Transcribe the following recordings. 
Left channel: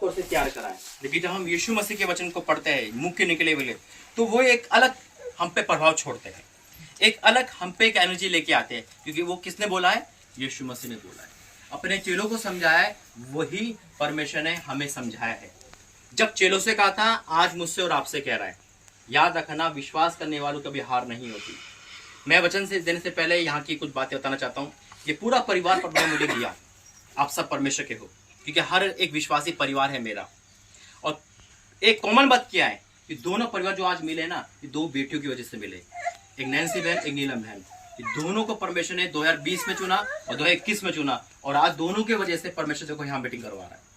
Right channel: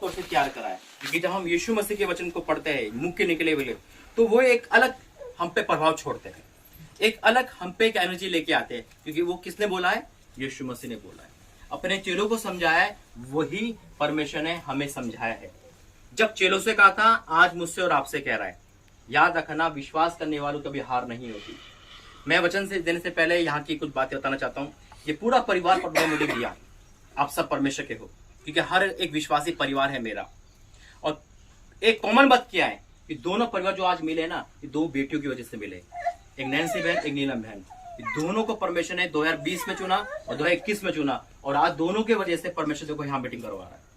तौर से तैयार करा है, क्योंकि जब हम यीशु मसीह के वचन को पढ़ते हैं मुंह के निकले हुए, तो वो एक अलग हम पे प्रभाव छोड़ते हैं, एक अलग हम पे एक एनर्जी लेके आते हैं, क्योंकि वो किसने बोला है? यीशु मसीह ने बोला है, अपने चेलों को समझाया है, वही परमेश्वर ने हमें समझाया है। जब चेलों से कहा था, आज मुझसे और आपसे कह रहा है, याद रखना विश्वास करने वालों कभी हार नहीं होती। मैं वचन से देने से पहले यहाँ की कुछ बातें बताना चाहता हूँ। ये पूरा परिवार पर मुझे दिया, आप सब परमेश्वर के हो, क्योंकि हर एक विश्वासी परिवार है मेरा। और एक कॉमन बात क्या है कि दोनों परिवार जो आज मिले ना, ये दो बेटियों की वजह से मिले, एक नैन्सी बहन, एक नीलम बहन। दोनों को परमेश्वर ने 2020 में चुना और 2021 में चुना, और आज दोनों की वजह से परमेश्वर देखो यहाँ मीटिंग करवा रहा है।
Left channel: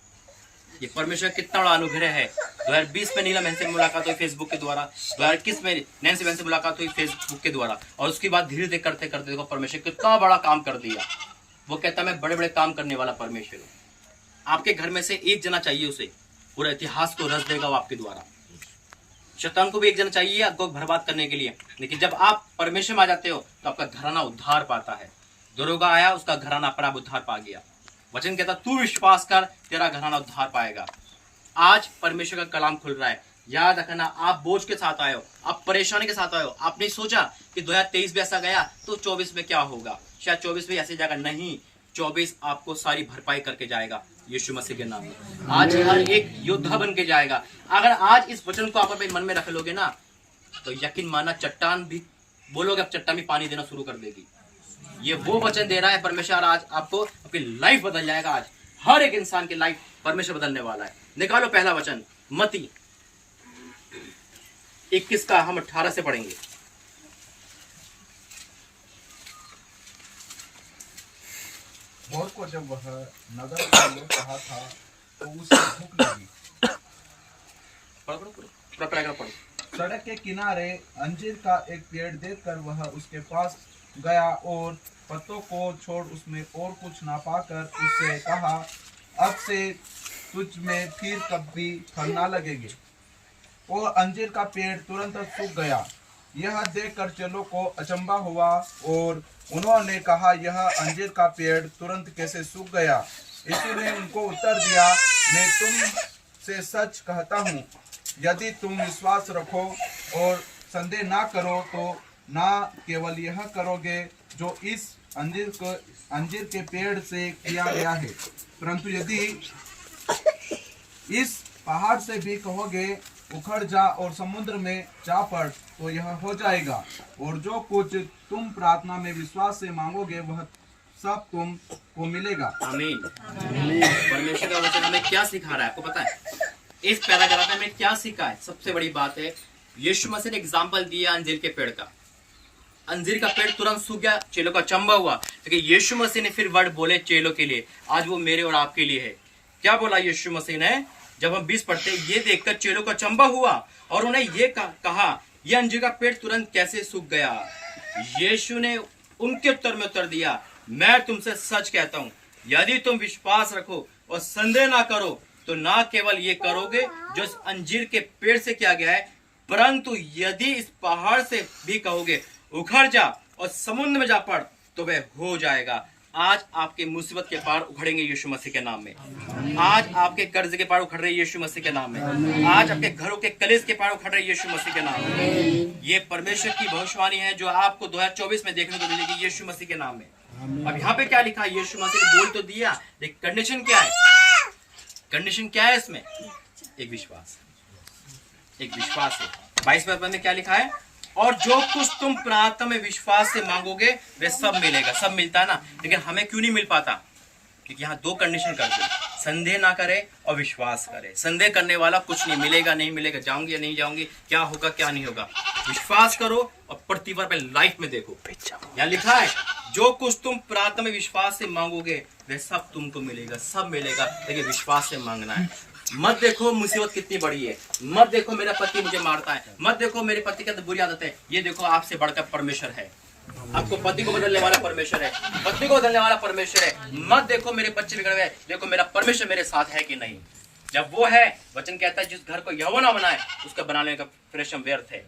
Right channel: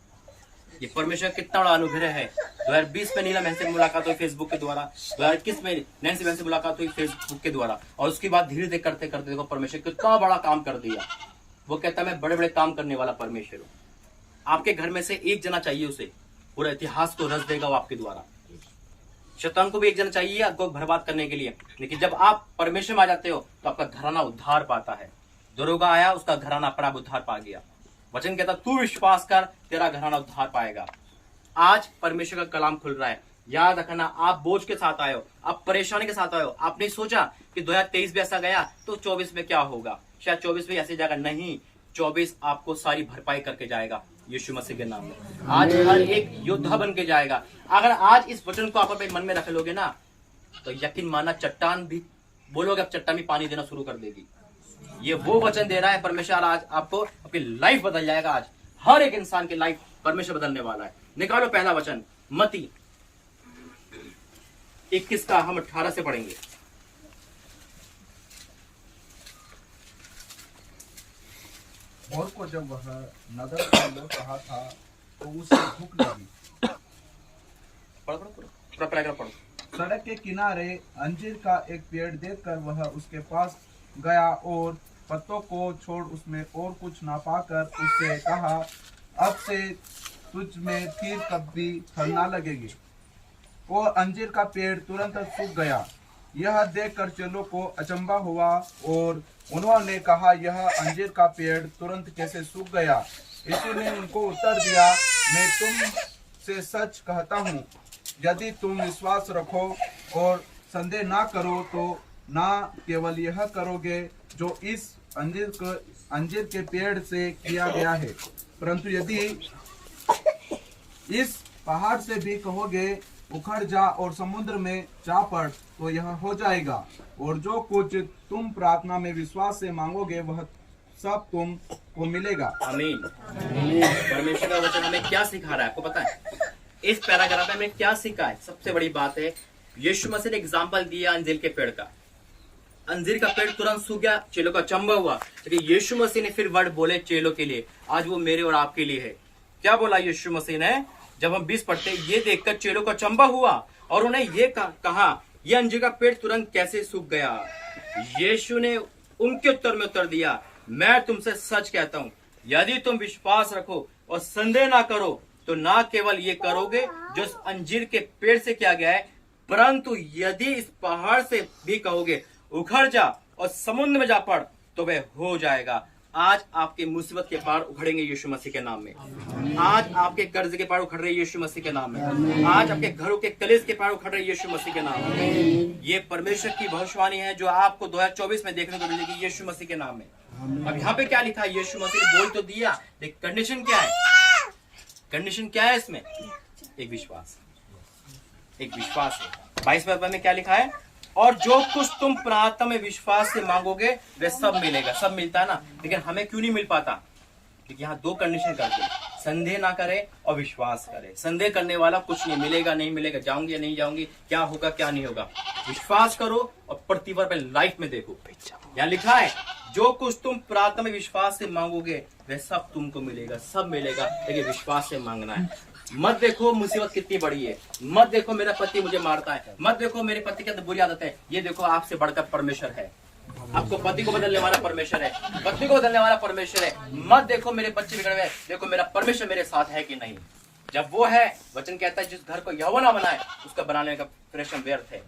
ये परमेश्वर कितना बड़ा अनुग्रह है। 2020 में नीलम बहन से मुलाकात हुई फेसबुक के द्वारा, 2021 में नैन्सी बहन से मुलाकात हुई फेसबुक के द्वारा, और उसके बाद धीरे धीरे करते करते देखो परमेश्वर कितना बड़ा काम कर दिया। वो कहता मैं बड़े बड़े काम करने वाला परमेश्वर हूँ। आपके घर में से एक जना चाहिए, उसे पूरा इतिहास को रच देगा वो आपके द्वारा। शैतान को भी एक जना चाहिए आपको बर्बाद करने के लिए, लेकिन जब आप परमेश्वर में आ जाते हो तो आपका घराना उद्धार पाता है। दरोगा आया, उसका घराना अपना उद्धार पा गया। वचन कहता तू विश्वास कर, तेरा घराना उद्धार पाएगा। आज परमेश्वर का कलाम खुल रहा है। याद रखना, आप बोझ के साथ आए हो, आप परेशानी के साथ आए हो। आपने सोचा कि 2023 भी ऐसा गया तो 24 में क्या होगा, शायद 24 में ऐसी जाएगा। नहीं, 24 आपको सारी भरपाई करके जाएगा यीशु मसीह के नाम में। आज हर एक योद्धा बन के जाएगा। अगर आज इस वचन को आप अपने मन में रख लोगे ना, तो यकीन माना चट्टान भी बोलोगे, अब चट्टान भी पानी देना शुरू कर देगी। ये वो वचन दे रहा है परमेश्वर, आज आपको अपनी लाइफ बदल जाएगा। आज हर एक इंसान की लाइफ परमेश्वर बदलने वाला है। निकालो पहला वचन, मत्ती 21 का हम 18 से पढ़ेंगे। और को जब वह नगर से लौट रहा था तो उसे भूख लगी। पढ़ो। सड़क के किनारे अंजीर का एक पेड़ देखकर वह उसके पास गया और पत्तों को छोड़ उसमें और कुछ ना पाकर उससे कहा, अब से तुझ में फिर कभी फल ना लगेंगे। वो अंजीर का पेड़ तुरंत सूख गया। यह देखकर चेलों को अचंभा हुआ और उन्होंने कहा, यह अंजीर का पेड़ तुरंत कैसे सूख गया? यीशु ने उनको उत्तर दिया, मैं तुम से सच कहता हूँ, यदि तुम विश्वास रखो और संदेह ना करो तो ना केवल यह करोगे जो इस अंजीर के पेड़ से किया गया है, परंतु यदि इस पहाड़ से भी कहोगे उखड़ जा और समुद्र में जा पड़, तो यह हो जाएगा। और जो कुछ तुम प्रार्थना में विश्वास से मांगोगे वह सब तुमको मिलेगा। आमीन। परमेश्वर का वचन हमें क्या सिखा रहा है आपको पता है? इस पैराग्राफ में हमें क्या सीखा है? सबसे बड़ी बात है, यीशु मसीह ने एग्जाम्पल दिया अंजीर के पेड़ का। अंजीर का पेड़ तुरंत सूख गया, चेलों का अचंभा हुआ, लेकिन यीशु मसीह ने फिर वर्ड बोले चेलों के लिए। आज वो मेरे और आपके लिए है। क्या बोला यीशु मसीह ने? जब हम 20 पढ़ते, ये देखकर चेलों का अचंभा हुआ और उन्हें ये कहा, ये अंजीर का पेड़ तुरंत कैसे सूख गया? यीशु ने उनके उत्तर में उत्तर दिया, मैं तुमसे सच कहता हूं, यदि तुम विश्वास रखो और संदेह ना करो तो ना केवल ये करोगे जो इस अंजीर के पेड़ से किया गया है, परंतु यदि इस पहाड़ से भी कहोगे उखड़ जा और समुद्र में जा पड़, तो वह हो जाएगा। आज आपके मुसीबत के पहाड़ उखड़ेंगे यीशु मसीह के नाम में। आज आपके कर्ज के पहाड़ उखड़ रहे यीशु मसीह के नाम में। आज आपके घरों के कलेश के पहाड़ उखड़ रहे यीशु मसीह के नाम में। ये परमेश्वर की भविष्यवाणी है जो आपको 2024 में देखने को मिलेगी यीशु मसीह के नाम में। अब यहाँ पे क्या लिखा है? यीशु मसीह ने बोल तो दिया, लेकिन कंडीशन क्या है? कंडीशन क्या है इसमें? एक विश्वास है। 22वें पद में क्या लिखा है? और जो कुछ तुम प्रार्थना में विश्वास से मांगोगे वे सब मिलेगा। सब मिलता है ना, लेकिन हमें क्यों नहीं मिल पाता? क्योंकि यहाँ दो कंडीशन करते हैं, संदेह ना करे और विश्वास करे। संदेह करने वाला कुछ नहीं मिलेगा, नहीं मिलेगा, जाऊंगी या नहीं जाऊंगी, क्या होगा क्या नहीं होगा। विश्वास करो और प्रतिभा पे लाइफ में देखो। यहाँ लिखा है जो कुछ तुम प्रार्थना में विश्वास से मांगोगे वह सब तुमको मिलेगा। सब मिलेगा, लेकिन विश्वास से मांगना है। मत देखो मुसीबत कितनी बड़ी है, मत देखो मेरा पति मुझे मारता है, मत देखो मेरे पति की बुरी आदत है। ये देखो आपसे बढ़कर परमेश्वर है। आपको पति को बदलने वाला परमेश्वर है, पत्नी को बदलने वाला परमेश्वर है। मत देखो मेरे बच्चे बिगड़ गए, देखो मेरा परमेश्वर मेरे साथ है कि नहीं। जब वो है, वचन कहता है जिस घर को यहोवा ना बनाए उसका बनाने का परिश्रम व्यर्थ है।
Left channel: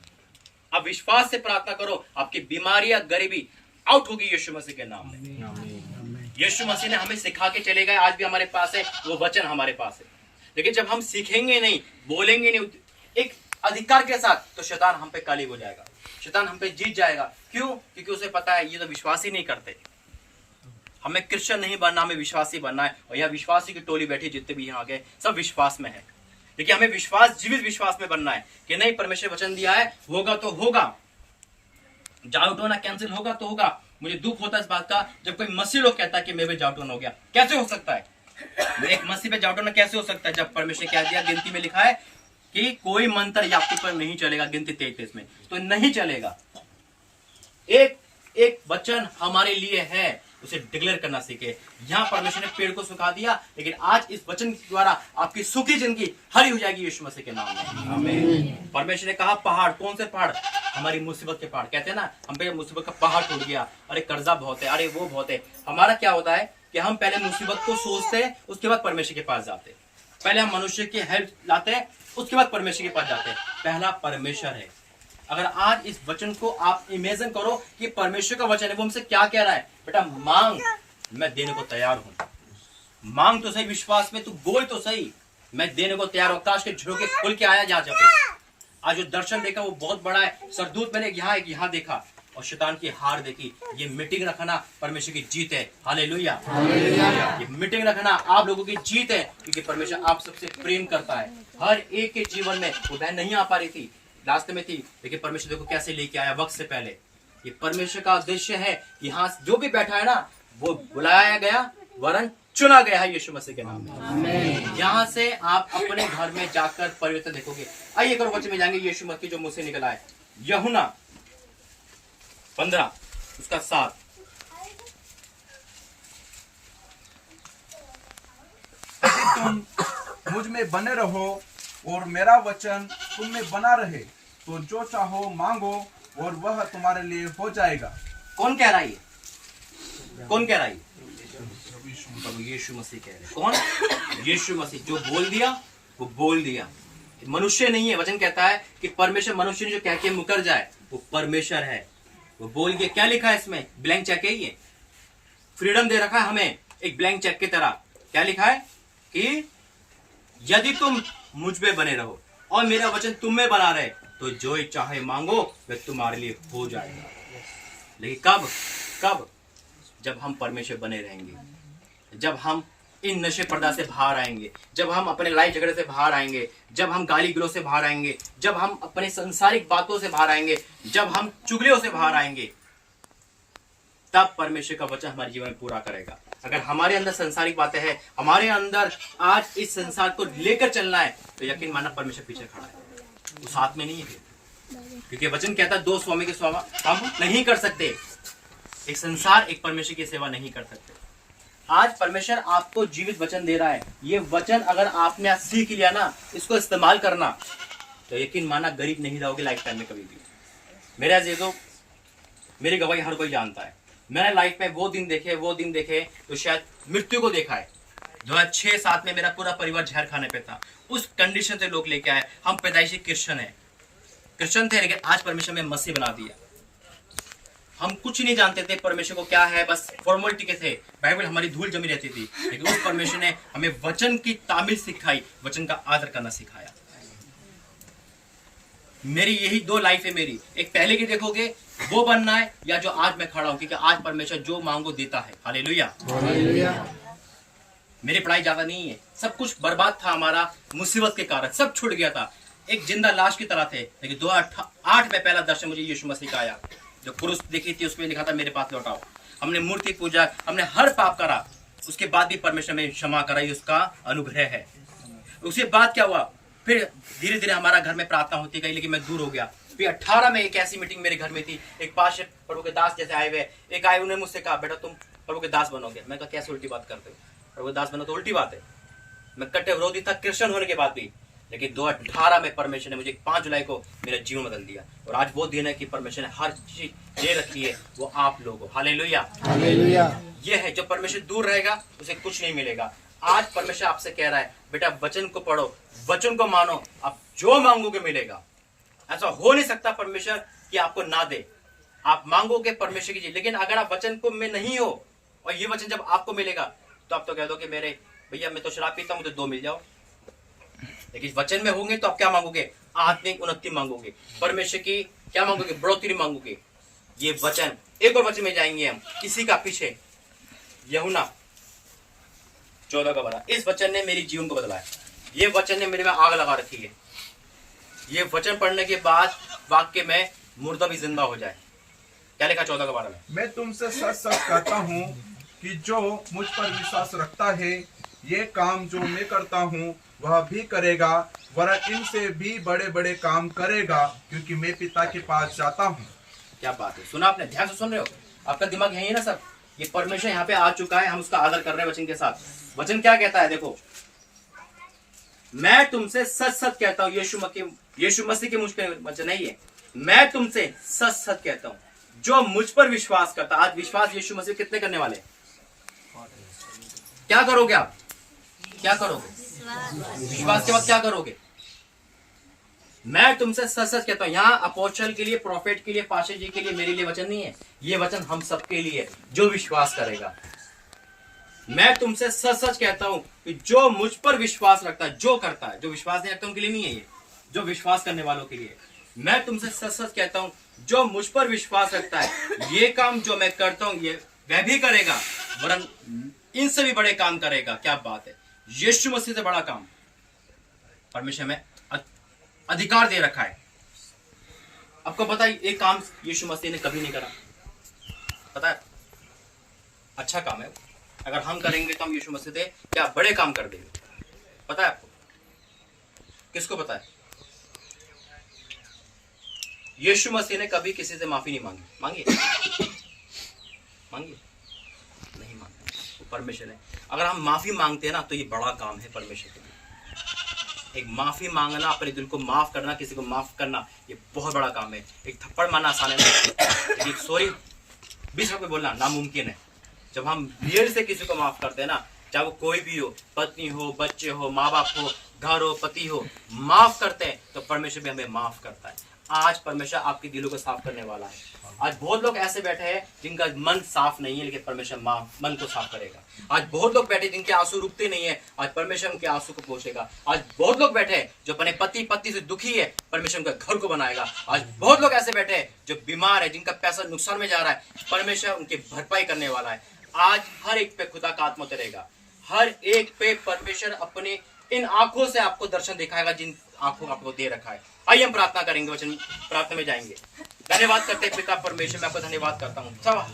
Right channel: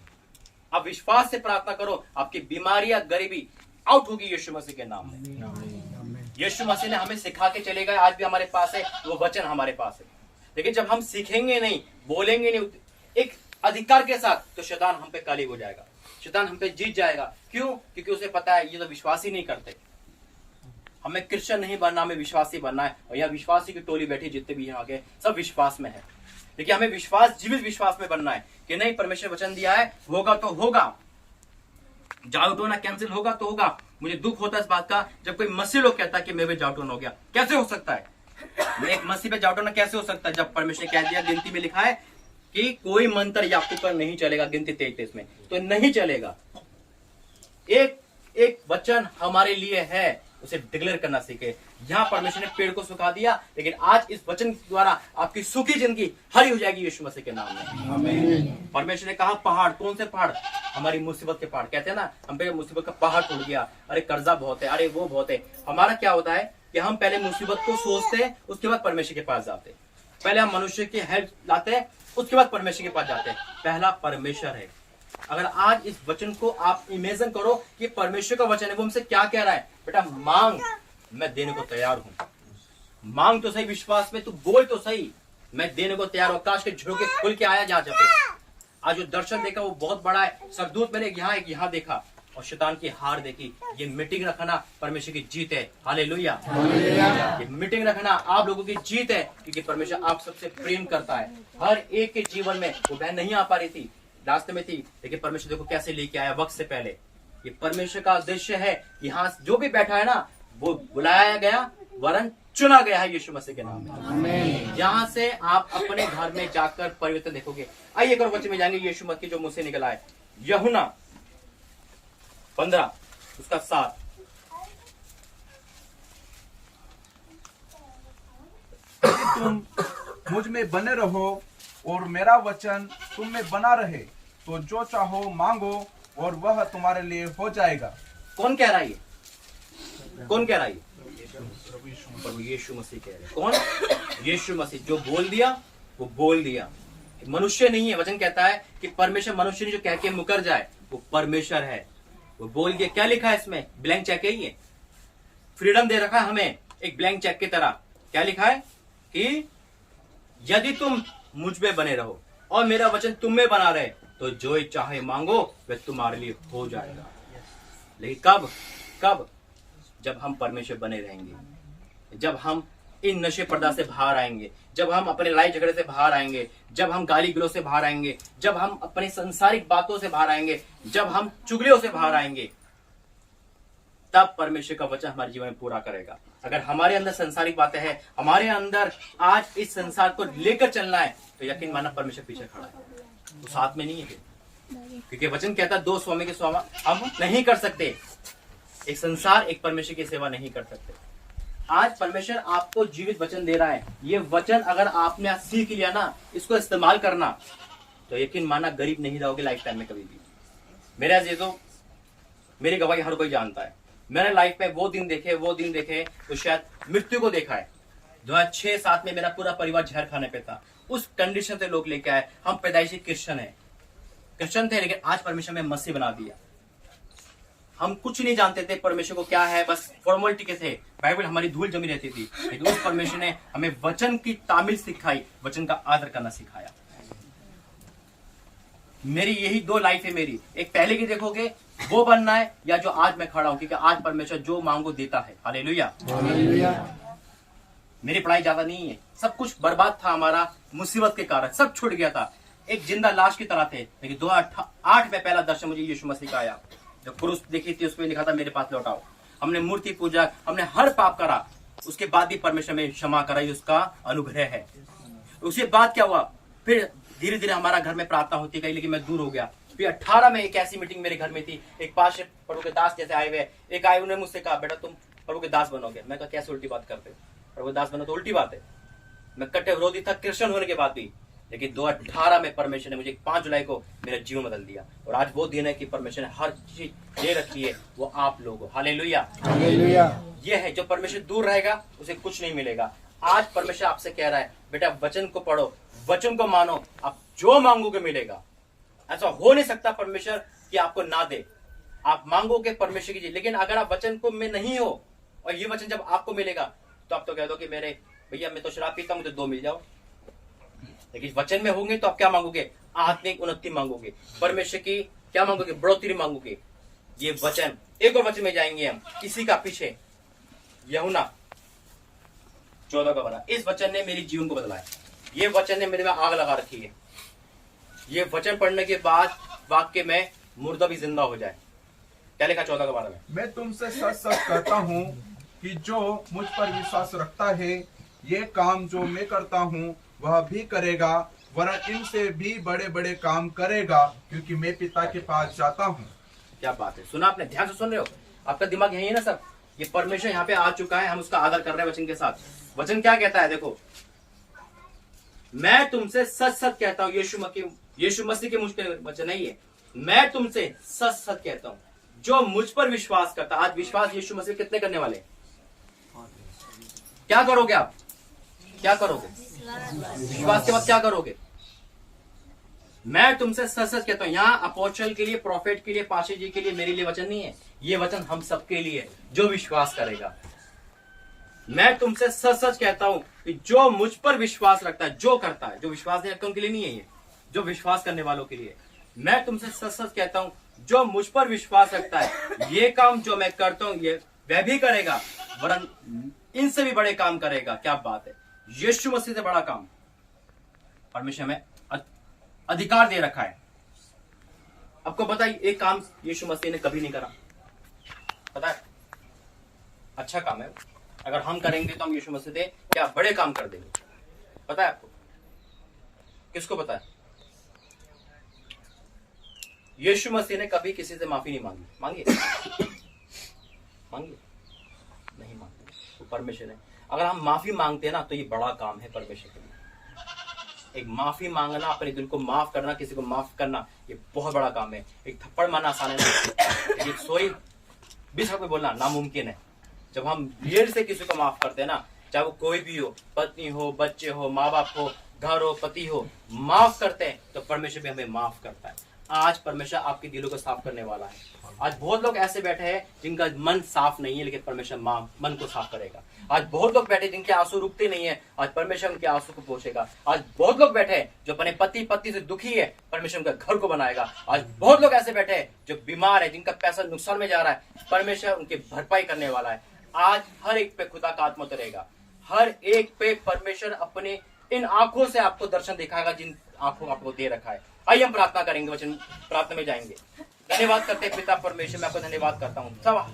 अब विश्वास से प्रार्थना करो, आपकी बीमारियां गरीबी आउट होगी यीशु मसीह के नाम में। यीशु मसीह ने हमें सिखा के चले गए, आज भी हमारे पास है वो वचन, हमारे पास है। लेकिन जब हम सीखेंगे नहीं, बोलेंगे नहीं एक अधिकार के साथ, तो शैतान हम पे कालिब हो जाएगा, शैतान हम पे जीत जाएगा। क्यों? क्योंकि उसे पता है ये तो विश्वास ही नहीं करते। हमें क्रिश्चियन नहीं बनना, हमें विश्वासी बनना है। और यहाँ विश्वासी की टोली बैठी जितने भी यहाँ के सब विश्वास में है, लेकिन हमें विश्वास, जीवित विश्वास में बनना है कि नहीं, परमेश्वर वचन दिया है, होगा तो होगा, जाउट होना कैंसिल होगा तो होगा। मुझे दुख होता है इस बात का जब कोई मसीह लोग कहता है कि मेरे पे जाउट हो गया। कैसे हो सकता है? एक मसीह पे जाउट होना कैसे हो सकता है जब परमेश्वर कह दिया, गिनती में लिखा है कि कोई मंत्र याकूब पर नहीं चलेगा, गिनती 33 में, तो नहीं चलेगा। एक एक वचन हमारे लिए है, उसे डिक्लेयर करना सीखे। यहाँ परमेश्वर ने पेड़ को सुखा दिया, लेकिन आज इस वचन के द्वारा आपकी सूखी जिंदगी हरी हो जाएगी यीशु मसीह के नाम में। आमीन। परमेश्वर ने कहा पहाड़, कौन से पहाड़? हमारी मुसीबत के पहाड़। कहते हैं ना, हम पे मुसीबत का पहाड़ टूट गया, अरे कर्जा बहुत है, अरे वो बहुत है। हमारा क्या होता है कि हम पहले मुसीबत को सोचते हैं, उसके बाद परमेश्वर के पास जाते हैं। पहले हम मनुष्य की हेल्प लाते हैं, उसके बाद परमेश्वर के पास जाते हैं। पहला परमेश्वर है। अगर आज इस वचन को आप इमेजिन करो कि परमेश्वर का वचन है, वो हमसे क्या कह रहा है? बेटा मांग, मैं देने को तैयार हूं। मांग तो सही विश्वास में, तू बोल तो सही, मैं देने को तैयार हूं। आकाश के झोंके खुल के आया जहां पे आज जो दर्शन देखा वो बहुत बड़ा है। सरदूत मैंने एक यहाँ देखा और शैतान की हार देखी। ये मीटिंग रखना परमेश्वर की जीत है। हालेलुया। ये मीटिंग रखना आप लोगों की जीत है, क्योंकि परमेश्वर आप सबसे प्रेम करता है। हर एक के जीवन में, वो बहन नहीं आ पा रही थी, रास्ते में थी, लेकिन परमेश्वर देखो कैसे लेके आया वक्त से पहले। ये परमेश्वर का उद्देश्य है कि यहाँ जो भी बैठा है ना, वो बुलाया गया वरन चुना गया है यीशु मसीह के नाम में। यहाँ से आप अपने घर में जाकर परिवर्तन देखोगे। आइए करो वचन में जाएंगे यीशु मसीह जो मुंह से निकला है। यूहन्ना 15 उसका 7। तुम मुझ में बने रहो और मेरा वचन तुम में बना रहे, तो जो चाहो मांगो और वह तुम्हारे लिए हो जाएगा। कौन कह रहा है? कौन कह रहा है? प्रभु यीशु मसीह कह रहे। कौन? यीशु मसीह। जो बोल दिया वो बोल दिया, मनुष्य नहीं है। वचन कहता है कि परमेश्वर मनुष्य ने जो कह के मुकर जाए वो परमेश्वर है। वो बोल के क्या लिखा है इसमें? ब्लैंक चेक है। ये फ्रीडम दे रखा है हमें एक ब्लैंक चेक की तरह। क्या लिखा है कि यदि तुम मुझ में बने रहो और मेरा वचन तुम में बना रहे, तो जो चाहे मांगो वह तुम्हारे लिए हो जाएगा। लेकिन कब? कब? जब हम परमेश्वर बने रहेंगे, जब हम इन नशे पर्दा से बाहर आएंगे, जब हम अपने लड़ाई झगड़े से बाहर आएंगे, जब हम गाली गलौज से बाहर आएंगे, जब हम अपने सांसारिक बातों से बाहर आएंगे, जब हम चुगलियों से बाहर आएंगे, तब परमेश्वर का वचन हमारे जीवन में पूरा करेगा। अगर हमारे अंदर सांसारिक बातें हैं, हमारे अंदर आज इस संसार को लेकर चलना है, तो यकीन मानना परमेश्वर पीछे खड़ा है, वो साथ में नहीं है। क्योंकि वचन कहता है दो स्वामी की सेवा हम नहीं कर सकते। एक संसार, एक परमेश्वर की सेवा नहीं कर सकते। आज परमेश्वर आपको जीवित वचन दे रहा है। ये वचन अगर आपने आज सीख लिया ना, इसको इस्तेमाल करना, तो यकीन माना गरीब नहीं रहोगे लाइफ टाइम में कभी भी। मेरे अजीजों, मेरी गवाही हर कोई जानता है। मैंने लाइफ में वो दिन देखे तो शायद मृत्यु को देखा है। 2006-7 में मेरा पूरा परिवार जहर खाने पे था। उस कंडीशन से लोग लेके आए। हम पैदाइशी क्रिश्चियन थे, लेकिन आज परमेश्वर में मसीह बना दिया। हम कुछ नहीं जानते थे परमेश्वर को क्या है, बस फॉर्मेलिटी के थे। बाइबल हमारी धूल जमी रहती थी, लेकिन उस परमेश्वर ने हमें वचन की तामील सिखाई, वचन का आदर करना सिखाया। मेरी यही दो लाइफ है मेरी। एक पहले की देखोगे वो बनना है, या जो आज मैं खड़ा हूं, क्योंकि आज परमेश्वर जो मांगो देता है। हालेलुया। मेरी पढ़ाई ज्यादा नहीं है, सब कुछ बर्बाद था हमारा मुसीबत के कारण, सब छूट गया था। एक जिंदा लाश की तरह थे। लेकिन 2008 में पहला दर्शन मुझे यीशु मसीह का आया। जो क्रूस देखी थी उसमें लिखा था मेरे पास लौटाओ। हमने मूर्ति पूजा, हमने हर पाप करा, उसके बाद भी परमेश्वर में क्षमा कराई, उसका अनुग्रह है। उसके बाद क्या हुआ? फिर धीरे धीरे हमारा घर में प्रार्थना होती गई, लेकिन मैं दूर हो गया। फिर 18 में एक ऐसी मीटिंग मेरे घर में थी। एक पास प्रभु के दास जैसे आए हुए, एक आए, उन्होंने मुझसे कहा बेटा तुम प्रभु के दास बनोगे। मैं कहा कैसे उल्टी बात करते हो? प्रभु के दास बनो तो उल्टी बात है। मैं कट्टे विरोधी था क्रिश्चियन होने के बाद भी, लेकिन 2018 में परमेश्वर ने मुझे 5 जुलाई को मेरा जीवन बदल दिया। और आज वो दिन है कि परमेश्वर ने हर चीज दे रखी है, वो आप लोगों। हालेलुया। ये है, जो परमेश्वर दूर रहेगा उसे कुछ नहीं मिलेगा। आज परमेश्वर आपसे कह रहा है बेटा वचन को पढ़ो, वचन को मानो, आप जो मांगोगे मिलेगा। ऐसा हो नहीं सकता परमेश्वर कि आपको ना दे। आप मांगोगे परमेश्वर की चीज, लेकिन अगर आप वचन को में नहीं हो और ये वचन जब आपको मिलेगा, तो आप तो कह दो कि मेरे भैया मैं तो शराब पीता हूं, मुझे 2 मिल जाओ। लेकिन वचन में होंगे तो आप क्या मांगोगे? आत्मिक उन्नति मांगोगे, परमेश्वर की क्या मांगोगे? बढ़ोतरी मांगोगे। ये वचन, एक और वचन में जाएंगे हम इसी का पीछे, यूहन्ना 14 का 12। इस वचन ने मेरी जीवन को बदला है। ये वचन ने मेरे में आग लगा रखी है। ये वचन पढ़ने के बाद वाक्य में मुर्दा भी जिंदा हो जाए। क्या लिखा 14 का 12 में? मैं तुमसे सच सच कहता हूँ कि जो मुझ पर विश्वास रखता है, ये काम जो मैं करता हूँ वह भी करेगा, वरन इनसे भी बड़े बड़े काम करेगा, क्योंकि मैं पिता के पास जाता हूँ। क्या बात है, सुना आपने? ध्यान से सुन रहे हो? आपका दिमाग यही है ना सब? ये परमेश्वर यहाँ पे आ चुका है, हम उसका आदर कर रहे हैं वचन के साथ। वचन क्या कहता है? देखो, मैं तुमसे सच सच कहता हूँ। यीशु मसीह के मुझ पे वचन नहीं है। मैं तुमसे सच सच कहता हूँ, जो मुझ पर विश्वास करता। आज विश्वास यीशु मसीह कितने करने वाले? क्या करोगे आप? क्या करोगे? विश्वास के बाद क्या करोगे? मैं तुमसे सच सच कहता हूं। यहाँ अपोस्टल के लिए, प्रॉफिट के लिए, पास्टर जी के लिए, मेरे लिए वचन नहीं है। ये वचन हम सबके लिए, जो विश्वास करेगा। मैं तुमसे सच सच कहता हूं कि जो मुझ पर विश्वास रखता है, जो करता है, जो विश्वास नहीं रखता उनके लिए नहीं है ये, जो विश्वास करने वालों के लिए। मैं तुमसे सच सच कहता हूं, जो मुझ पर विश्वास रखता है, ये काम जो मैं करता हूं ये वह भी करेगा, वरन इनसे भी बड़े काम करेगा। क्या बात है! यीशु मसीह से बड़ा काम परमेश्वर में अधिकार दे रखा है। आपको पता है एक काम यीशु मसीह ने कभी नहीं करा? पता है? अच्छा काम है। अगर हम करेंगे तो हम यीशु मसीह से क्या बड़े काम कर देंगे। पता है आपको? किसको पता है? यीशु मसीह ने कभी किसी से माफी नहीं मांगी। मांगी? मांगी? नहीं मांगी। वो परमेश्वर है। अगर हम माफी मांगते हैं ना तो ये बड़ा काम है परमेश्वर के लिए। एक माफी मांगना, अपने दिल को माफ करना, किसी को माफ करना, ये बहुत बड़ा काम है। एक थप्पड़ मारना आसान है, लेकिन सॉरी 20 रुपये बोलना नामुमकिन है। जब हम दिल से किसी को माफ करते हैं ना, चाहे वो कोई भी हो, पत्नी हो, बच्चे हो, माँ बाप हो, घर हो, पति हो, माफ करते हैं तो परमेश्वर भी हमें माफ करता है। आज परमेश्वर आपके दिलों को साफ करने वाला है। आज बहुत लोग ऐसे बैठे हैं जिनका मन साफ नहीं है, लेकिन परमेश्वर मन को साफ करेगा। आज बहुत लोग बैठे जिनके आंसू रुकते नहीं है, आज परमेश्वर उनके आंसू को पोंछेगा। आज बहुत लोग बैठे हैं जो अपने पति पत्नी से दुखी है, परमेश्वर उनका घर को बनाएगा। आज बहुत लोग ऐसे बैठे हैं जो बीमार है, जिनका पैसा नुकसान में जा रहा है, परमेश्वर उनकी भरपाई करने वाला है। आज हर एक पे खुदा का आत्मा उतरेगा। हर एक पे परमेश्वर अपने इन आंखों से आपको दर्शन दिखाएगा, जिन आंखों आपको दे रखा है। आइए हम प्रार्थना करेंगे, वचन प्रार्थना में जाएंगे। धन्यवाद करते हैं पिता परमेश्वर, मैं आपको धन्यवाद करता हूँ। सब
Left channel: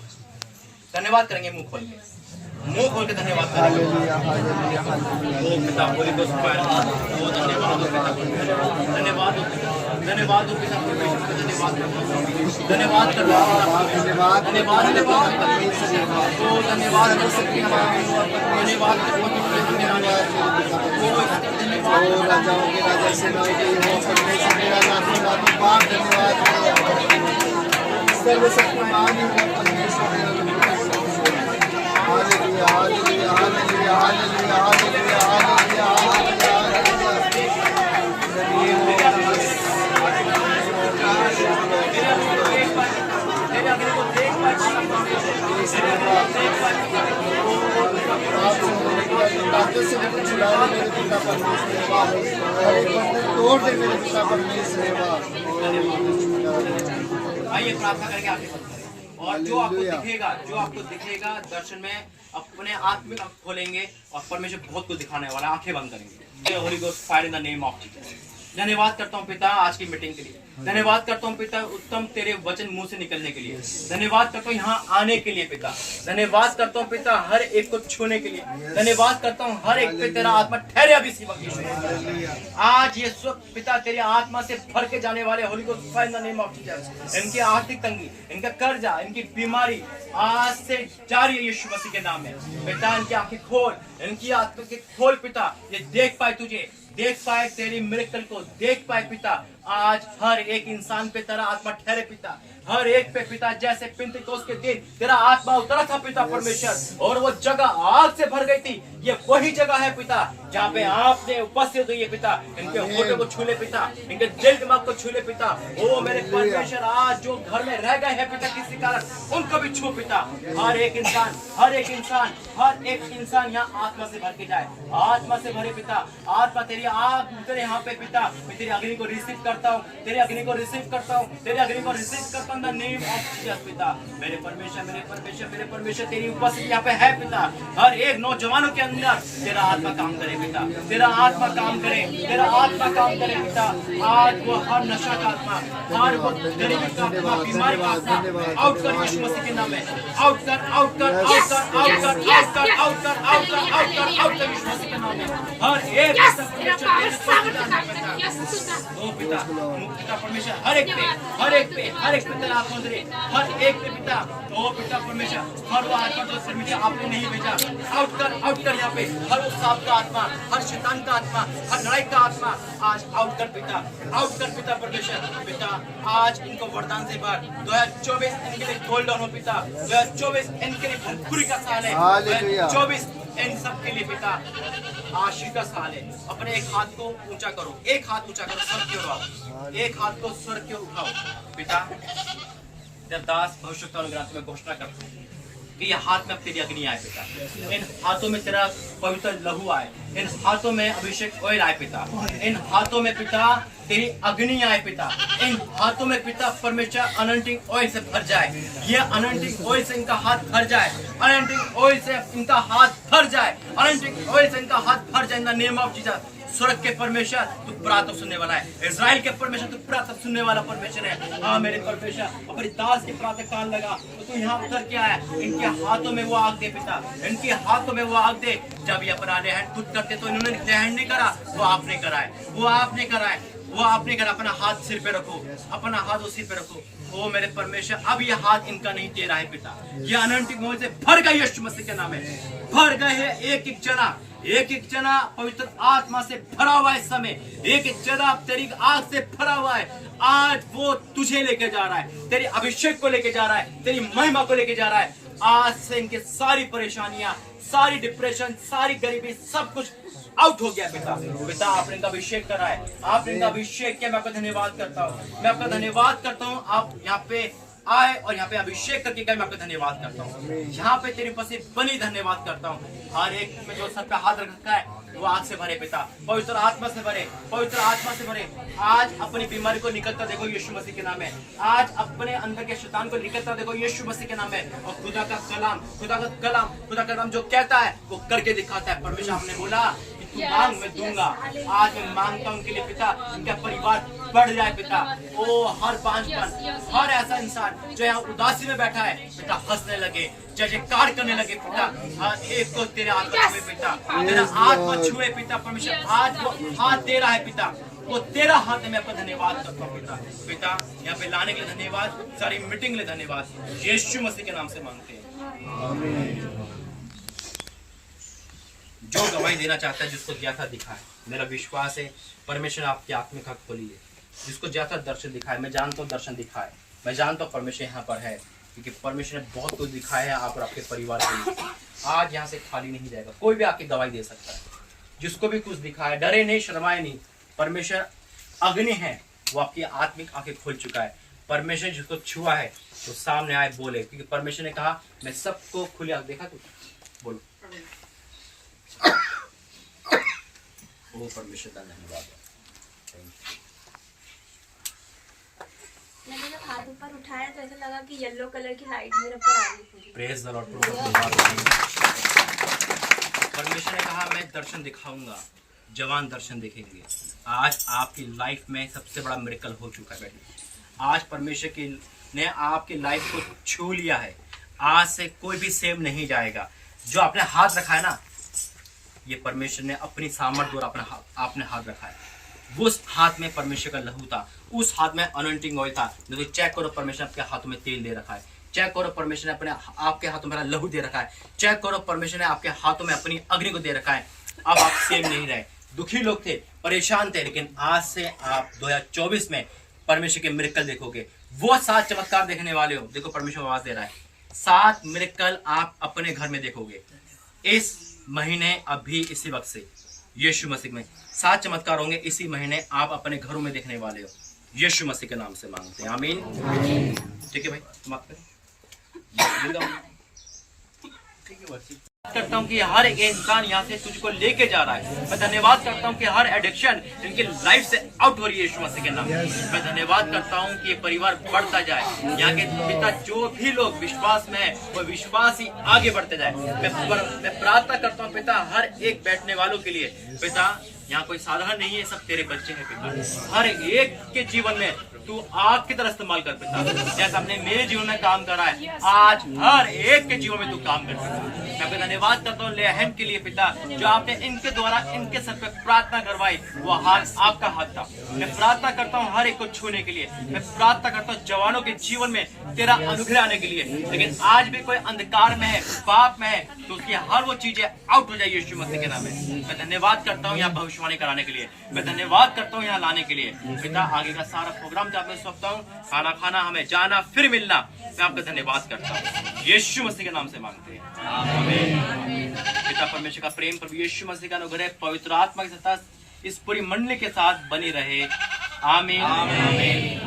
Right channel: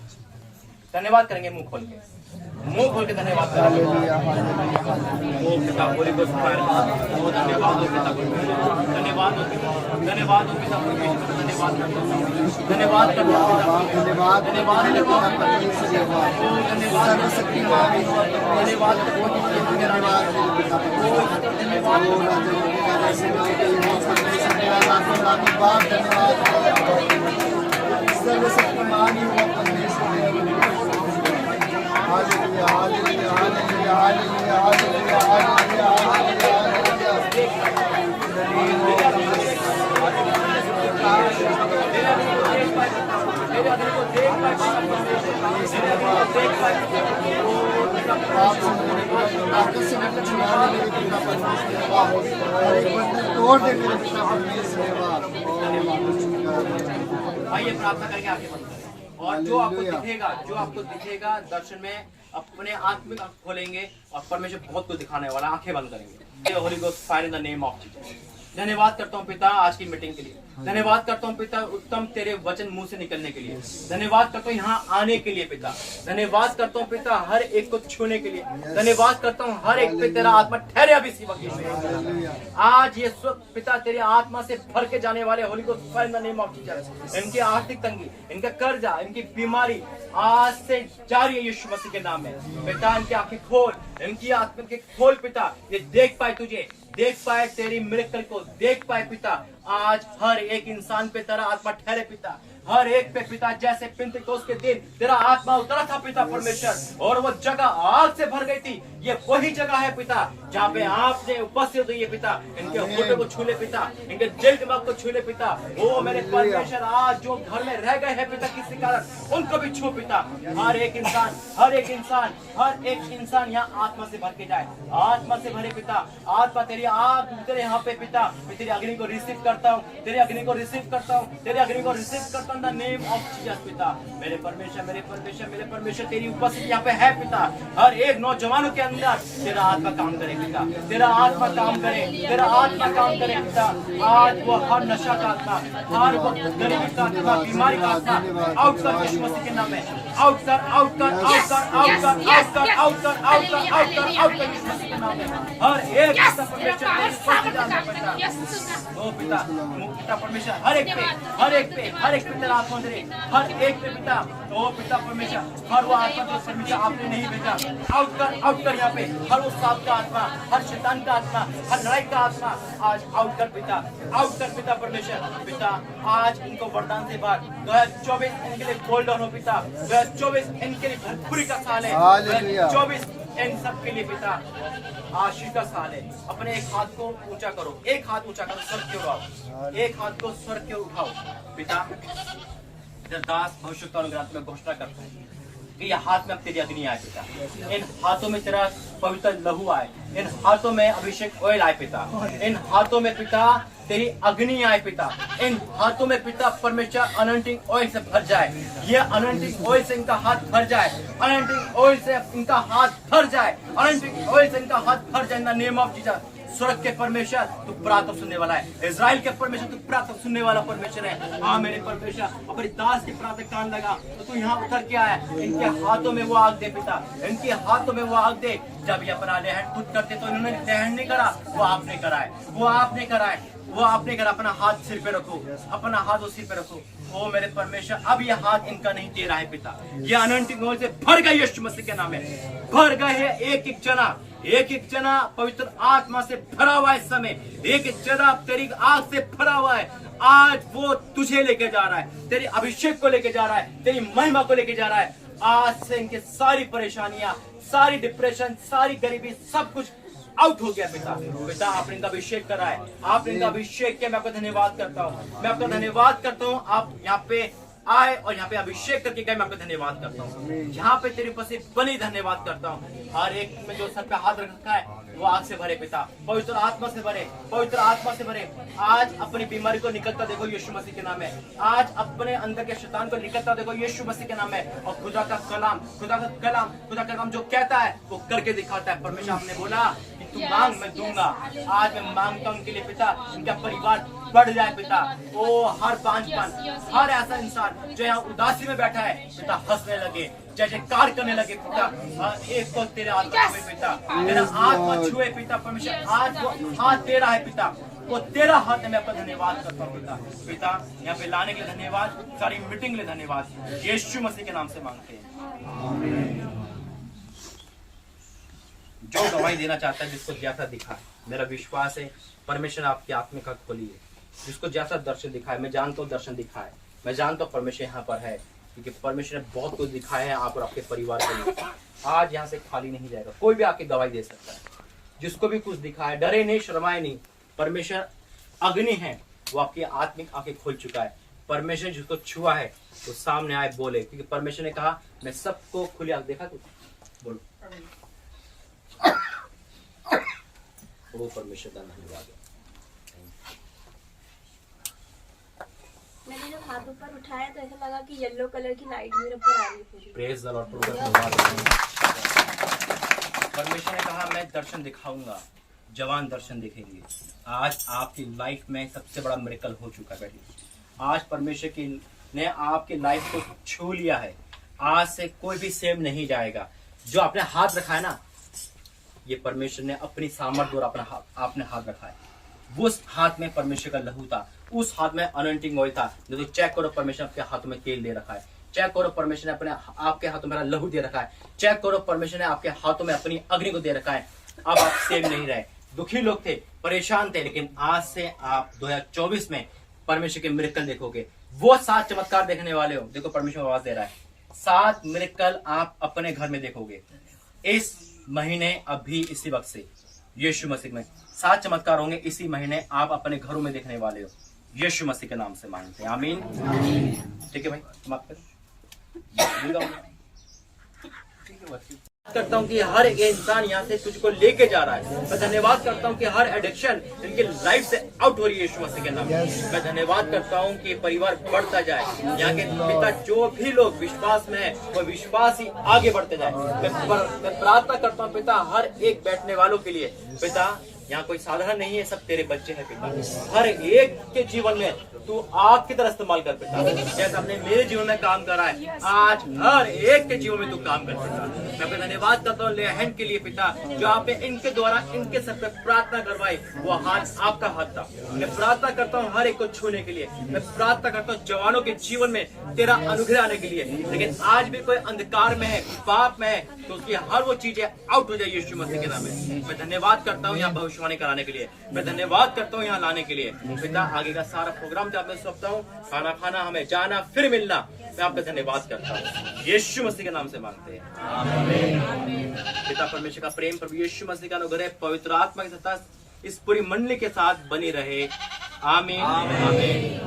धन्यवाद करेंगे मुंह खोल के धन्यवाद करेंगे। ओ पिता, होली गोस्ट फायर, ओ धन्यवाद हो पिता, धन्यवाद हो पिता, धन्यवाद हो पिता परमेश्वर, धन्यवाद करता हूं, धन्यवाद करता हूं पिता, धन्यवाद, धन्यवाद ओ धन्यवाद हो पिता, धन्यवाद करता हूं सर्वशक्तिमान hallelujah hallelujah hallelujah hallelujah hallelujah तोड़ दे मेरे पिता परमेश्वर। आइए प्रार्थना करके आगे बढ़ते हैं। और जो आपको दिखेगा दर्शन में, अपने आत्मिक आंख खोलेंगे और परमेश्वर बहुत कुछ दिखाने वाला, आंखें बंद करेंगे। Holi ghost fire in the name of Jesus. धन्यवाद करता हूँ पिता आज की मीटिंग के लिए। धन्यवाद करता हूँ पिता उत्तम तेरे वचन मुंह से निकलने के लिए। धन्यवाद करता हूँ यहाँ आने के लिए पिता। धन्यवाद करता हूँ पिता हर एक को छूने के लिए। धन्यवाद करता हूँ हर एक पे तेरा आत्मा ठहरे अभी इसी वक्त। आज ये सब पिता तेरी आत्मा से भर के जाने वाले होली को fire in the name of Jesus. इनकी आर्थिक तंगी, इनका कर्जा, इनकी बीमारी आज से जारी है यीशु मसीह के नाम में। पिता इनकी आंखें खोल, इनकी आत्मा के खोल पिता, ये देख पाए तुझे, देख पाए तेरी मिरेकल को, देख पाए पिता। आज हर एक इंसान पे तेरा आत्मा ठहरे पिता। हर एक पे पिता, जैसे पिंतेकोस्त के दिन तेरा आत्मा उतरा था पिता परमेश्वर, और वो जगह आग से भर गई थी। ये वही जगह है पिता जहाँ पे आपने उपस्थित हुई है पिता। इनके होठों को छू ले पिता, इनके दिल दिमाग को छू ले पिता। ओ मेरे परमेश्वर, आज जो घर में रह गए हैं पिता किसी कारण, उनको भी छू पिता। हर एक इंसान, हर एक इंसान, हर एक इंसान यहाँ आत्मा से भर के जाए, आत्मा से भरे पिता। आत्मा तेरी आग तेरे यहाँ पे पिता, मैं तेरी अग्नि को रिसीव करता हूँ, तेरी अग्नि को रिसीव करता हूँ, तेरी अग्नि को रिसीव करता हूँ in the name of Jesus पिता। मेरे परमेश्वर, मेरे परमेश्वर, मेरे परमेश्वर, तेरी उपस्थिति यहाँ पे है पिता। हर एक नौजवानों के अंदर तेरा आत्मा काम करे पिता, तेरा आत्मा काम करे, तेरा आत्मा काम करे पिता। आज वो हर नशा का आत्मा, हर वो गरीबी का आत्मा, बीमारी का आत्मा आउट कर यीशु मसीह के नाम में, आउट कर, आउट कर, आउट कर, आउट कर, आउट कर, आउट कर, आउट कर, आउट कर, आउट कर यीशु मसीह के नाम में। हर एक ओ पिता, पिता परमेश्वर, हर एक पे, हर एक पे, हर एक पे तेरा आत्मा दे, हर एक पे पिता। ओ पिता परमेश्वर, हर वो आत्मा जो सिर में आपने नहीं भेजा, आउट कर, आउट कर यहाँ पे। हर उस सांप का आत्मा, हर शैतान का आत्मा, हर लड़ाई का आत्मा आज आउट कर पिता, आउट कर पिता परमेश्वर। पिता आज इनको वरदान से भर। 2024 इनके लिए गोल्डन हो पिता, 2024 इनके लिए भरपूरी का साल है, 2024 इन सब के लिए पिता आशीष का साल है। अपने एक हाथ को ऊंचा करो, एक हाथ ऊंचा करो, स्वर्ग की ओर आओ, एक हाथ को स्वर्ग की ओर उठाओ पिता। तेरा दास भविष्यवाणी ग्रंथ में घोषणा करता हूं कि यह हाथ में अब तेरी अग्नि आए पिता, इन हाथों में तेरा पवित्र लहू आए, इन हाथों में अभिषेक ऑयल आए पिता, इन हाथों में पिता तेरी अग्नि आए पिता, इन हाथों में पिता परमेश्वर अनंटिंग ऑयल से भर जाए। ये अनंटिंग ऑयल से इनका हाथ भर जाए, अनंटिंग ऑयल से इनका हाथ भर जाए, अनंटिंग ऑयल से इनका हाथ भर जाए in the name of Jesus. स्वर्ग के परमेश्वर तू प्रार्थना सुनने वाला है, इजराइल के परमेश्वर तू प्रार्थना सुनने वाला परमेश्वर है। हाँ मेरे परमेश्वर, अपने दास की प्रार्थना कान लगा तो तू यहाँ उतर के आया। इनके हाथों में वो आग दे पिता, इनके हाथों में वो आग दे। जब ये अपना हैंड खुद करते तो इन्होंने हैंड नहीं करा, वो आपने कराए, वो आपने कराए, वो आपने करा। अपना हाथ सिर पे रखो, अपना हाथ वो सिर पे रखो। ओ मेरे परमेश्वर, अब यह हाथ इनका नहीं दे रहा है पिता, ये अनंतिम मोल से भर गए यीशु मसीह के नाम में, भर गए हैं। एक एक जना, एक एक जना पवित्र आत्मा से भरा हुआ है इस समय, एक एक जना तेरी आग से भरा हुआ है। आज वो तुझे लेके जा रहा है, तेरी अभिषेक को लेके जा रहा है, तेरी महिमा को लेके जा रहा है। आज से इनके सारी परेशानियां, सारी डिप्रेशन, सारी गरीबी, सब कुछ आउट हो गया पिता। पिता आपने इनका अभिषेक करा है, आपने इनका अभिषेक किया। मैं आपका धन्यवाद करता हूँ, मैं आपका धन्यवाद करता हूँ। आप यहाँ पे आए और यहाँ पे अभिषेक करके गए, मैं आपका धन्यवाद करता हूँ। यहाँ पे तेरे उपस्थिति बनी धन्यवाद करता हूँ। हर एक में जो सर पे हाथ रखा है वो आग से भरे पिता, पवित्र आत्मा से भरे, पवित्र आत्मा से भरे। आज अपनी बीमारी को निकलता देखो यीशु मसीह के नाम में, आज अपने अंदर के शैतान को निकलता देखो यीशु मसीह के नाम में। और खुदा का कलाम, खुदा का कलाम, खुदा का कलाम जो कहता है वो करके दिखाता है। परमेश्वर आपने बोला कि तू मांग मैं दूंगा। आज मैं मांगता हूँ उनके लिए पिता, इनका परिवार बढ़ जाए पिता। ओ हर बांझपन, हर ऐसा इंसान जो यहाँ उदासी में बैठा है पिता, हंसने लगे, जयकार करने लगे पिता। हर एक को तेरे आत्मा छुए पिता, तेरा आत्मा छुए पिता परमेश्वर। आज वो हाथ दे रहा है पिता, वो तेरा हाथ है। मैं आपका धन्यवाद करता हूँ पिता। पिता यहाँ पे लाने के लिए धन्यवाद, सारी मीटिंग के लिए धन्यवाद, यीशु मसीह के नाम से मांगते हैं। जो गवाही देना चाहता है, जिसको जैसा दिखा है, मेरा विश्वास है परमेश्वर आपकी आत्मिक आंख खोली है। जिसको जैसा दर्शन दिखा है, मैं जानता हूँ दर्शन दिखा है, मैं जानता हूँ परमेश्वर यहाँ पर है, क्योंकि परमेश्वर ने बहुत कुछ दिखाया है आप और आपके परिवार के लिए। आज यहाँ से खाली नहीं जाएगा, कोई भी आके गवाही दे सकता है। जिसको भी कुछ दिखा है, डरे नहीं, शर्माए नहीं। परमेश्वर अग्नि है, वो आपकी आत्मिक आंखें खोल चुका है। परमेश्वर जिसको छुआ है वो सामने आए बोले, क्योंकि परमेश्वर ने कहा मैं सबको खुली आंख देखा। कुछ बोलो। ओ परमेश्वर का धन्यवाद। मैंने जब हाथ ऊपर उठाया तो ऐसा लगा कि येलो कलर की लाइट मेरे ऊपर आ रही थी। Praise the Lord. परमेश्वर ने कहा मैं दर्शन दिखाऊंगा, जवान दर्शन देखेंगे। आज आपकी लाइफ में सबसे बड़ा मिरेकल हो चुका है बेटी। आज परमेश्वर की ने आपकी लाइफ को छू लिया है। आज से कोई भी सेम नहीं जाएगा। जो आपने हाथ रखा है ना, ये परमेश्वर ने अपनी सामर्थ्य द्वारा अपना आपने हाथ रखा है। उस हाथ में परमेश्वर का लहू था, उस हाथ में अनॉइंटिंग ऑयल था। जो चेक करो, परमेश्वर आपके हाथों में तेल दे रखा है। चेक करो, परमेश्वर ने अपने आपके हाथों में लहू दे रखा है। चेक करो, परमेश्वर ने आपके हाथों में अपनी अग्नि को दे रखा है। अब आप सेम नहीं रहे। दुखी लोग थे, परेशान थे, लेकिन आज से आप 2024 में परमेश्वर के मिरेकल देखोगे। वो 7 चमत्कार देखने वाले हो। देखो परमेश्वर आवाज दे रहा है, 7 मिरेकल आप अपने घर में देखोगे इस महीने, अभी इसी वक्त से यीशु मसीह में 7 चमत्कार होंगे इसी महीने, आप अपने घरों में देखने वाले हो। यीशु मसीह के नाम से मांगते हैं, आमीन। ठीक है भाई, माफ करें। ठीक है बस। करता हूँ कि हर एक इंसान यहाँ से तुझको लेके जा रहा है। मैं धन्यवाद करता हूँ कि हर एडिक्शन इनकी लाइफ से आउट हो रही है यीशु मसीह के नाम में। मैं धन्यवाद करता हूँ कि ये परिवार बढ़ता जाए। यहाँ के पिता जो भी लोग विश्वास में है वो विश्वास ही आगे बढ़ते जाए। मैं प्रार्थना करता हूँ पिता हर एक बैठने वालों के लिए। पिता यहाँ कोई साधारण नहीं है, सब तेरे बच्चे हैं पिता। हर एक के जीवन में तू आग की तरह इस्तेमाल कर पिता। जैसा हमने मेरे जीवन में काम करा है, आज हर एक के जीवन में तू काम कर पिता। मैं आपका धन्यवाद करता हूँ लेहन के लिए पिता, जो आपने इनके द्वारा इनके सर पे प्रार्थना करवाई, वो हाथ आपका हाथ था। मैं प्रार्थना करता हूँ हर एक को छूने के लिए। मैं प्रार्थना करता हूँ जवानों के जीवन में तेरा अनुग्रह आने के लिए। लेकिन आज भी कोई अंधकार में है, पाप में है, तो उसकी हर वो चीजें आउट हो जाए यीशु मसीह के नाम में। मैं धन्यवाद करता हूँ यहाँ भविष्यवाणी कराने के लिए। मैं धन्यवाद करता हूँ यहाँ लाने के लिए पिता। आगे का सारा प्रोग्राम मैं सौंपता हूँ, खाना खाना, हमें जाना फिर मिलना। मैं आपका धन्यवाद करता हूँ यीशु मसीह के नाम से मांगते हैं, आमीन। पिता परमेश्वर का प्रेम, प्रभु यीशु मसीह का अनुग्रह, पवित्र आत्मा की सत्ता इस पूरी मंडली के साथ बनी रहे, आमीन, आमीन।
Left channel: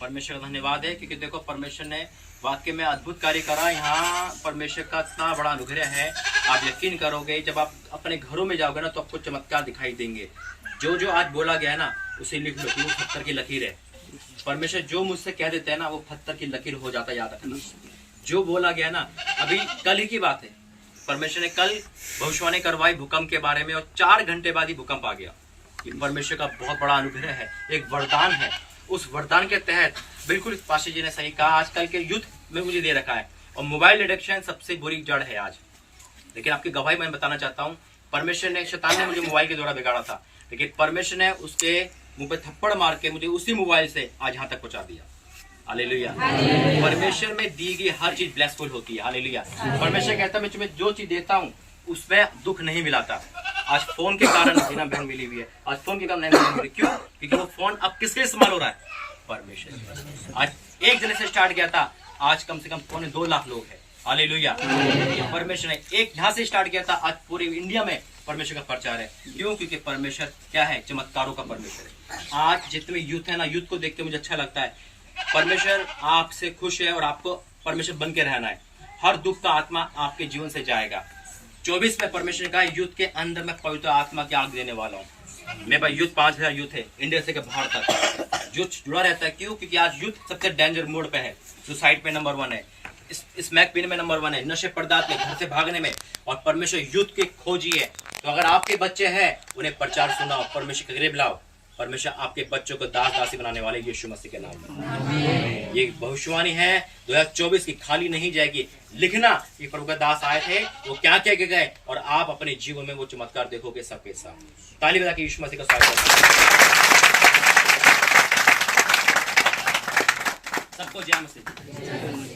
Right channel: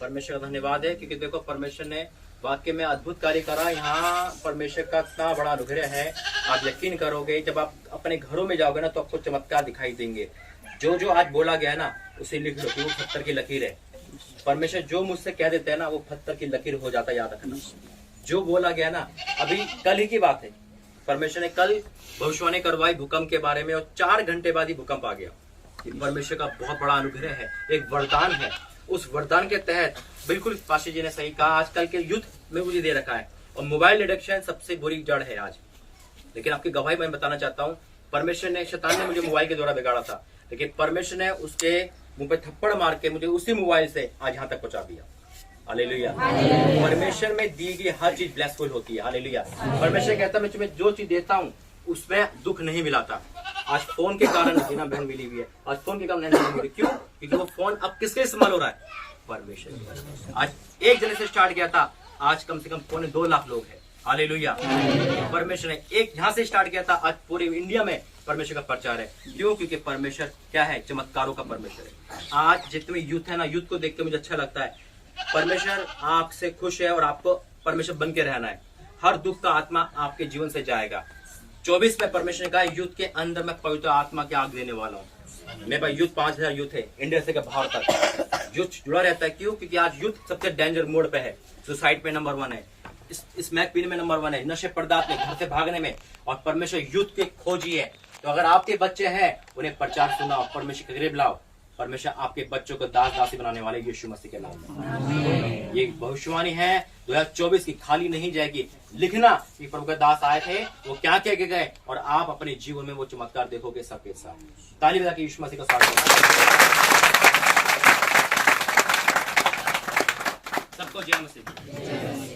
परमेश्वर का धन्यवाद है क्योंकि देखो परमेश्वर ने वाक्य में अद्भुत कार्य करा। यहाँ परमेश्वर का इतना बड़ा अनुग्रह है, आप यकीन करोगे जब आप अपने घरों में जाओगे ना तो आपको चमत्कार दिखाई देंगे। जो जो आज बोला गया है ना उसे लिख लो, वो पत्थर की लकीर है। परमेश्वर जो मुझसे कह देते हैं ना वो पत्थर की लकीर हो जाता है, याद रखना। जो बोला गया ना, अभी कल ही की बात है, परमेश्वर ने कल भविष्यवाणी करवाई भूकंप के बारे में और 4 घंटे बाद ही भूकंप आ गया। ये परमेश्वर का बहुत बड़ा अनुग्रह है, एक वरदान है। उस वरदान के तहत बिल्कुल पाशी जी ने सही कहा, आजकल के युद्ध में मुझे दे रखा है और मोबाइल एडिक्शन सबसे बुरी जड़ है आज। लेकिन आपकी गवाही मैं बताना चाहता हूँ, परमेश्वर ने, शैतान ने मुझे मोबाइल के द्वारा बिगाड़ा था, लेकिन परमेश्वर ने उसके मुंह पे थप्पड़ मार के मुझे उसी मोबाइल से आज यहाँ तक पहुंचा दिया। हालेलुया। परमेश्वर में दी गई हर चीज ब्लेसफुल होती है। हालेलुया। परमेश्वर कहता है मैं तुम्हें जो चीज देता हूँ उसमें दुख नहीं मिलाता। आज फोन के कारण बिना बहन मिली हुई है, आज फोन के कारण नहीं मिली। क्यों? क्योंकि वो फोन अब किसके इस्तेमाल हो रहा है? परमेश्वर। आज एक जने से स्टार्ट किया था, आज कम से कम 2.25 लाख लोग हैं। हालेलुया। परमेश्वर ने एक यहाँ से स्टार्ट किया था, आज पूरे इंडिया में परमेश्वर का प्रचार है। क्यों? क्योंकि परमेश्वर क्या है? चमत्कारों का परमेश्वर है। आज जितने यूथ है ना, यूथ को देख के मुझे अच्छा लगता है। परमेश्वर आपसे खुश है और आपको परमेश्वर बन के रहना है। हर दुख का आत्मा आपके जीवन से जाएगा। 24 में परमेश्वर ने कहा यूथ के अंदर मैं पवित्र आत्मा की आग देने वाला हूँ। मेरे पास यूथ 5000 यूथ है, इंडिया से बाहर तक यूथ जुड़ा रहता है। क्यों? क्योंकि आज यूथ सबसे डेंजर मोड पे है। सुसाइड पे नंबर 1 है, स्मैक पीने में नंबर 1 है, नशे पदार्थ में, घर से भागने में। और परमेश्वर यूथ के खोजी है। तो अगर आपके बच्चे हैं उन्हें प्रचार सुनाओ, परमेश्वर के करीब लाओ। परमेश्वर आपके बच्चों को दास दासी बनाने वाले यीशु मसीह के नाम में। ये भविष्यवाणी है 2024 की, खाली नहीं जाएगी। लिखना कि प्रभु के दास आए थे, वो क्या क्या गए, और आप अपने जीवन में वो चमत्कार देखोगे सबके साथ। ताली बजा के यीशु मसीह का स्वागत सबको जय मसीह।